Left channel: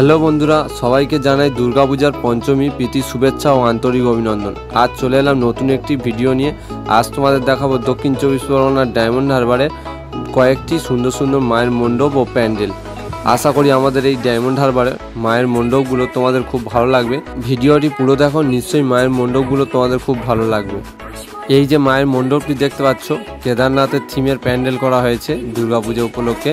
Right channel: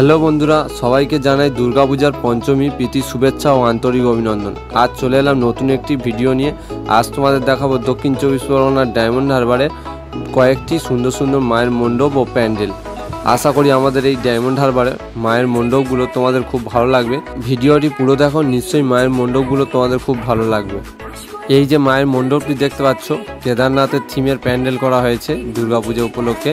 Hello বন্ধুরা, সবাইকে জানাই দুর্গাপূজার পঞ্চমী প্রীতি শুভেচ্ছা ও আন্তরিক অভিনন্দন। আজ চলে এলাম নতুন একটি ভিডিও নিয়ে। আজ তোমাদের দেখাবো দক্ষিণ চব্বিশ পরগনার ডায়মন্ড হারবারে কয়েকটি সুন্দর সুন্দর মায়ের মণ্ডপ ও প্যান্ডেল। আশা করি আমাদের এই ডায়মন্ড হারবারে মায়ের মণ্ডপগুলো তোমাদের খুব ভালো লাগবে। ভিডিওটি পুরো দেখো, নিশ্চয়ই মায়ের মণ্ডপগুলো তোমাদের খুব ভালো লাগবে। এই যে মায়ের মণ্ডপটি দেখতে পাচ্ছ, কেদারনাথের থিমের প্যান্ডেল করা হয়েছে দুর্গাপূজা উপলক্ষে।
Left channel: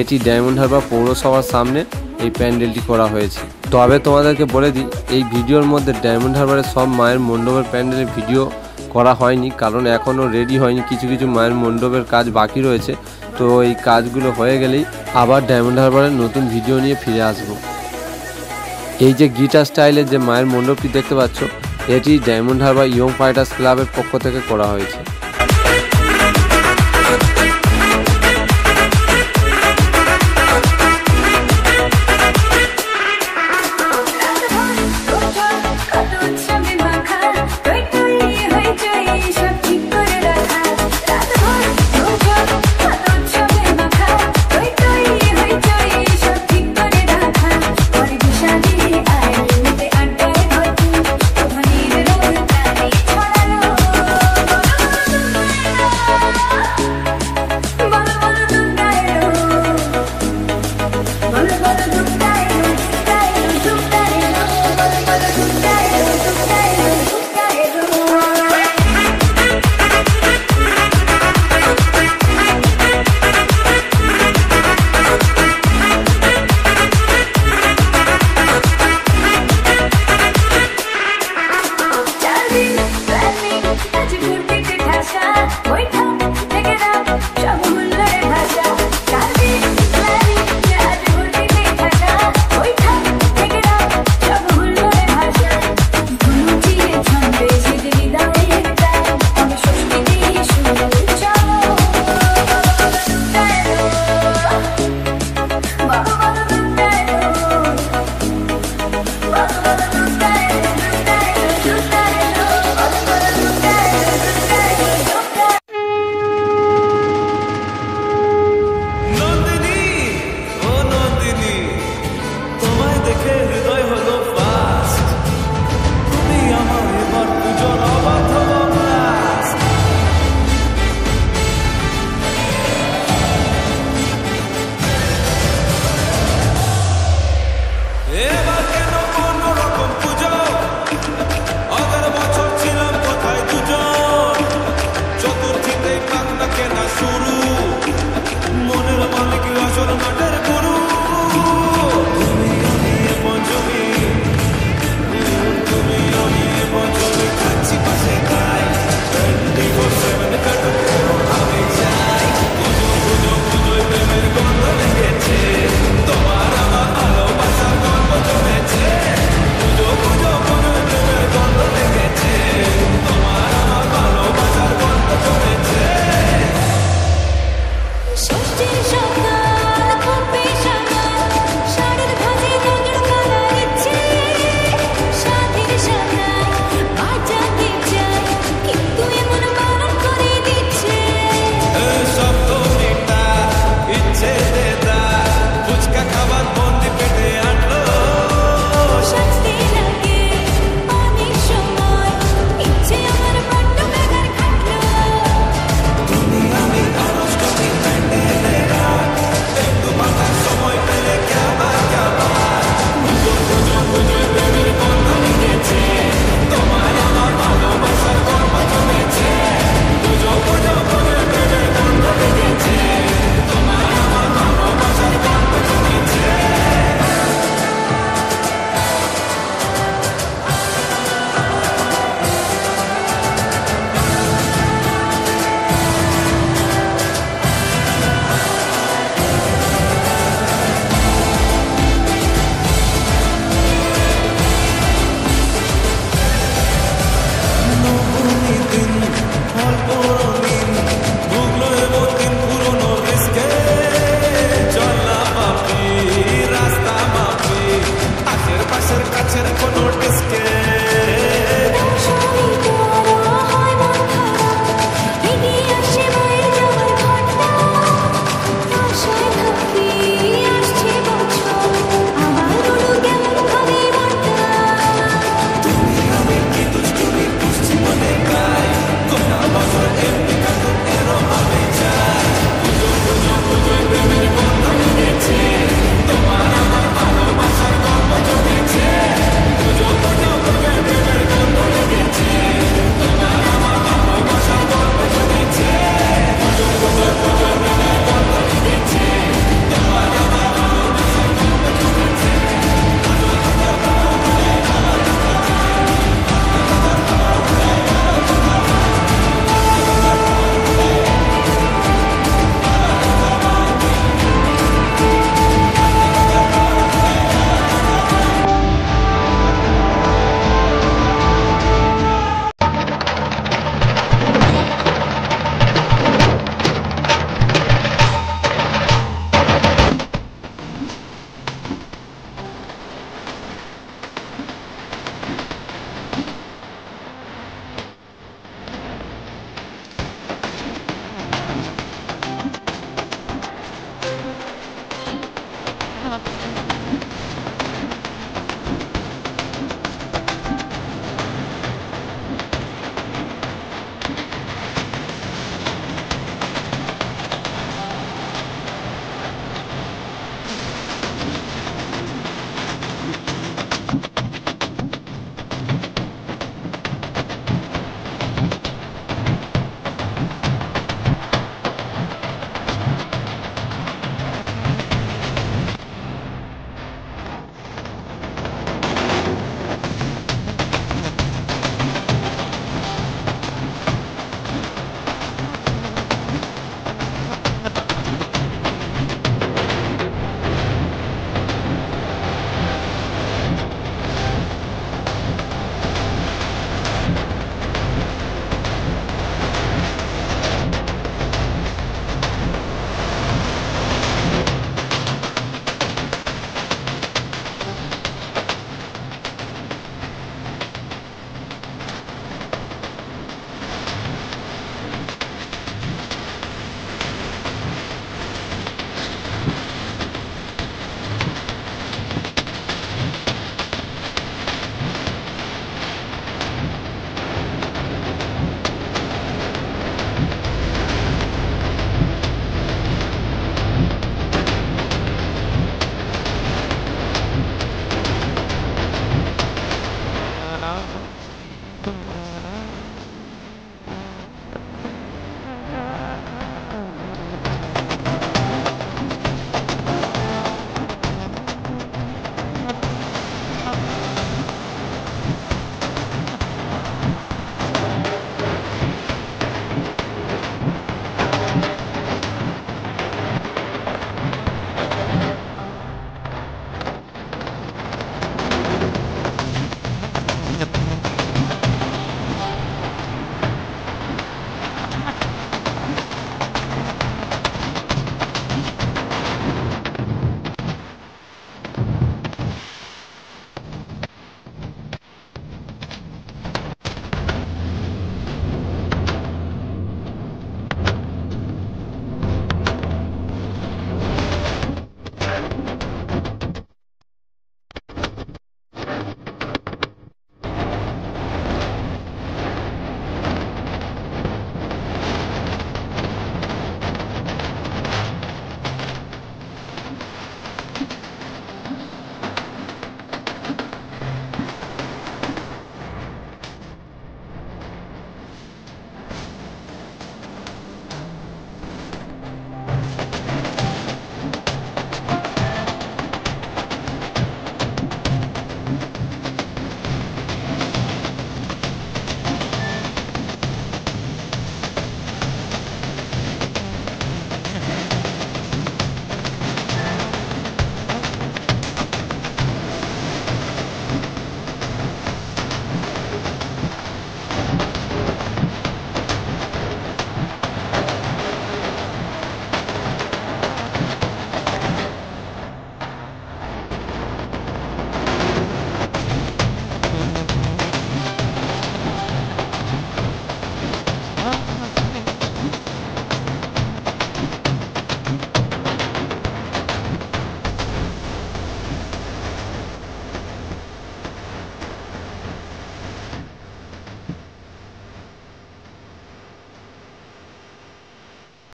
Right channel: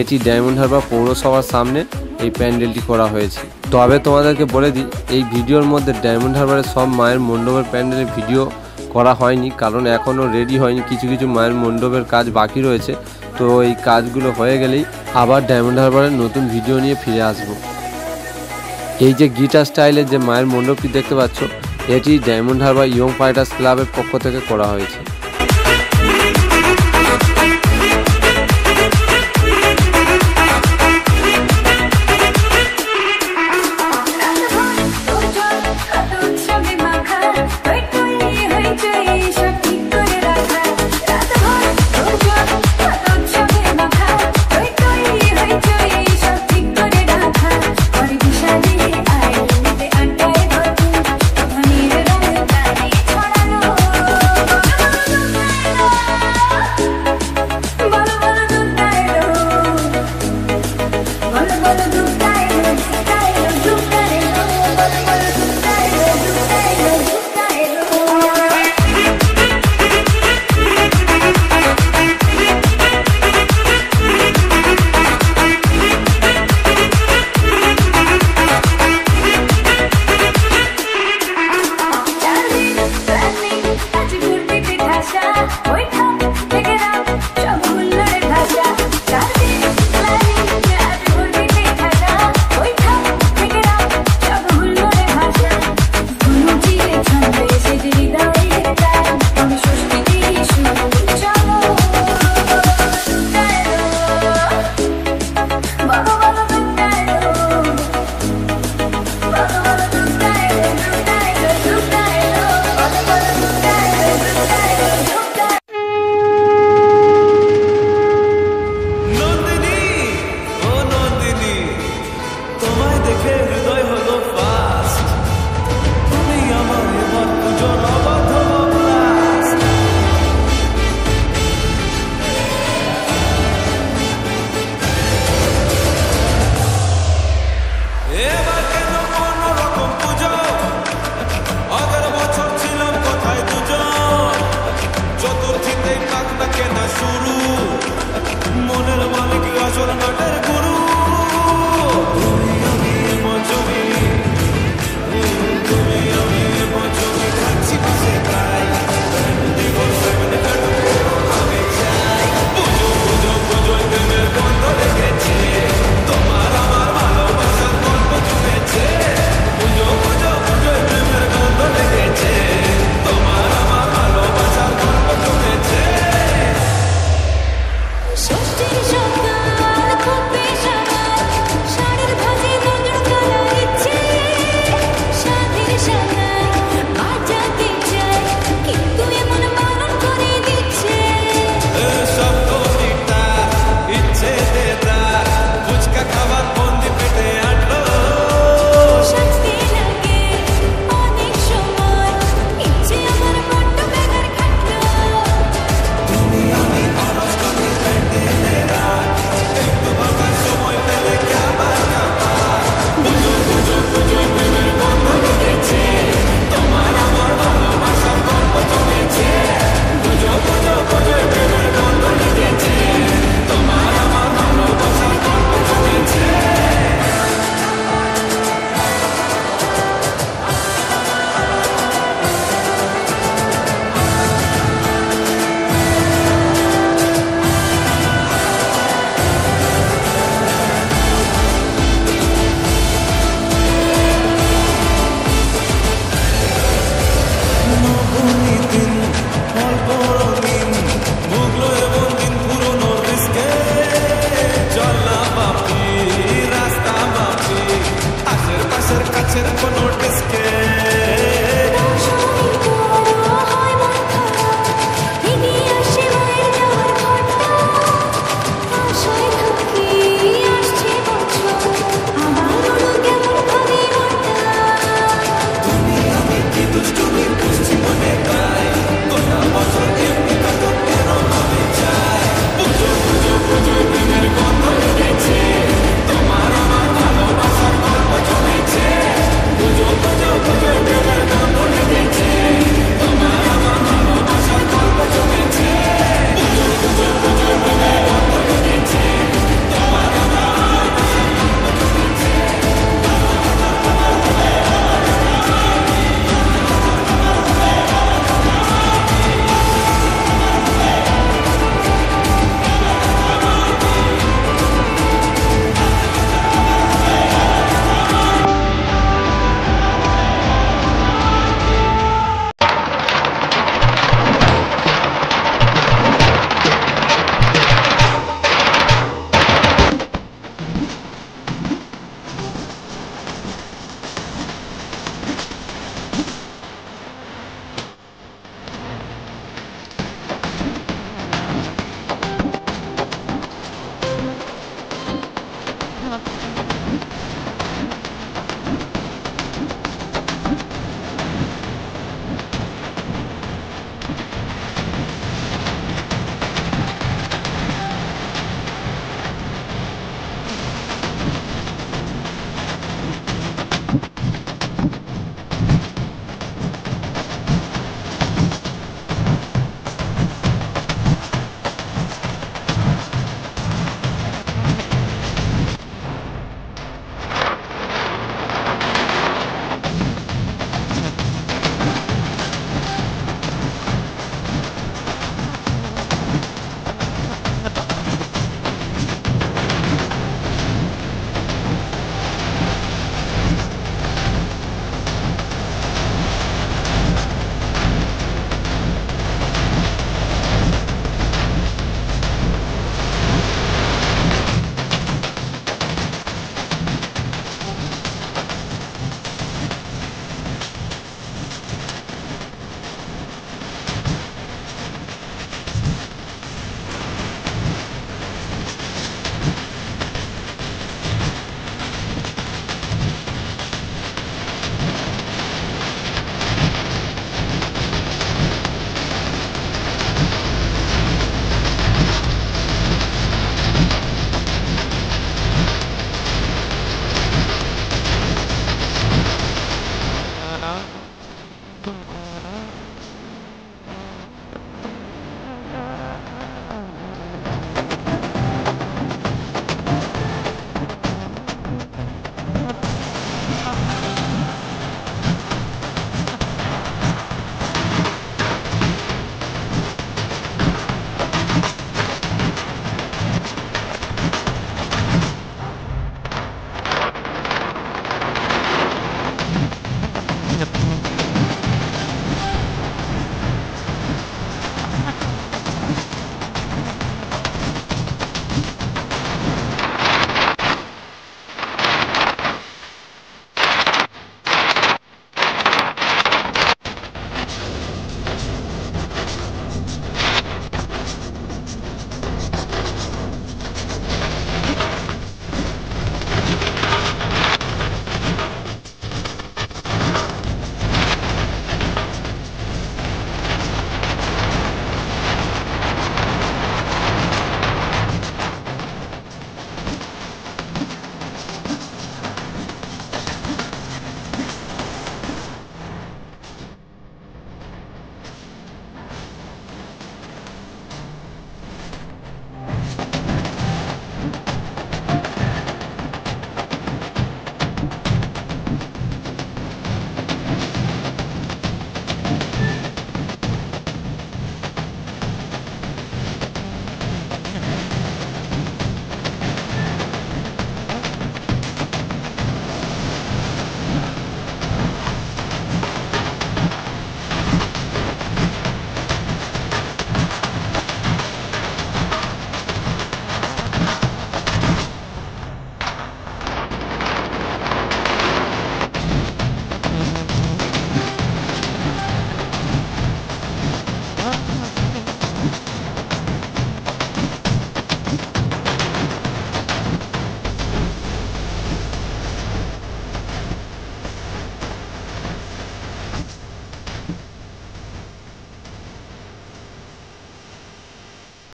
এটি ডায়মন্ড হারবার পৌরসভার সামনে এই প্যান্ডেলটি করা হয়েছে। তবে তোমাদেরকে বলে দিই, এই ভিডিওর মধ্যে ডায়মন্ড হারবারের সব মায়ের মণ্ডপের প্যান্ডেলের ভিডিও করা হয়নি, কারণ এখনও রেডি হয়নি। কিছু কিছু মায়ের মণ্ডপের কাজ বাকি রয়েছে। তো এই কাজগুলো হয়ে গেলেই আবার ডায়মন্ড হারবারের নতুন ভিডিও নিয়ে ফিরে আসব। এই যে গিটার স্টাইলের যে মায়ের মণ্ডপটি দেখতে পাচ্ছ, এটি ডায়মন্ড হারবার ইয়ং ফাইটার্স ক্লাবের পক্ষ থেকে করা হয়েছে। চতুর্থীতে পাক না কেনা শুরু, মনের মালিক আসল নাটের গুরু। তুমি আমি পঞ্চমী, তুমি আমি পঞ্চমী, খাচ্ছি পাশে তাই 24/7 কাটুক আমি চাই। পুজো পুজো পুজোয় প্রেমের গন্ধ লেগেছে, তোমার আমার ভালোবাসার গল্প জমেছে। পুজো পুজো পুজোয় প্রেমের গন্ধ লেগেছে, তোমার আমার ভালোবাসার গল্প জমেছে। ষষ্ঠীর সকাল খুব বেসামাল, শাড়ির ভাজে নজর কালার ইচ্ছে, সাধের সানাই বাজাতে চাই, কিন্তু এমন বারণ করে দিচ্ছে। শব্দ মিটা ইচ্ছে দেদা, ফুচকা খাবার বন্দি পেটে আটলো। শাস্তি লাগে অনেক সময়, ইচ্ছে আমার বড্ড বেগার খাটলো। তুমি আমি অষ্টমী প্যান্ডেলে রাত, একটু ভাঙার সময় পেলে ক্যাবার ক্যাবার। পুজো পুজো পুজোয় প্রেমের গন্ধ লেগেছে, তোমার আমার ভালোবাসার গল্প জমেছে। পুজো পুজো পুজোয় প্রেমের গন্ধ লেগেছে, তোমার আমার ভালোবাসার গল্প জমেছে। নবমী দিন অল্প রঙিন, ভুগলো এমন দিন পুরনো রিস্কে। চল না বাপি রাস্তা মাপি, আশের পাশের কাছের কোনো ডিস্কে।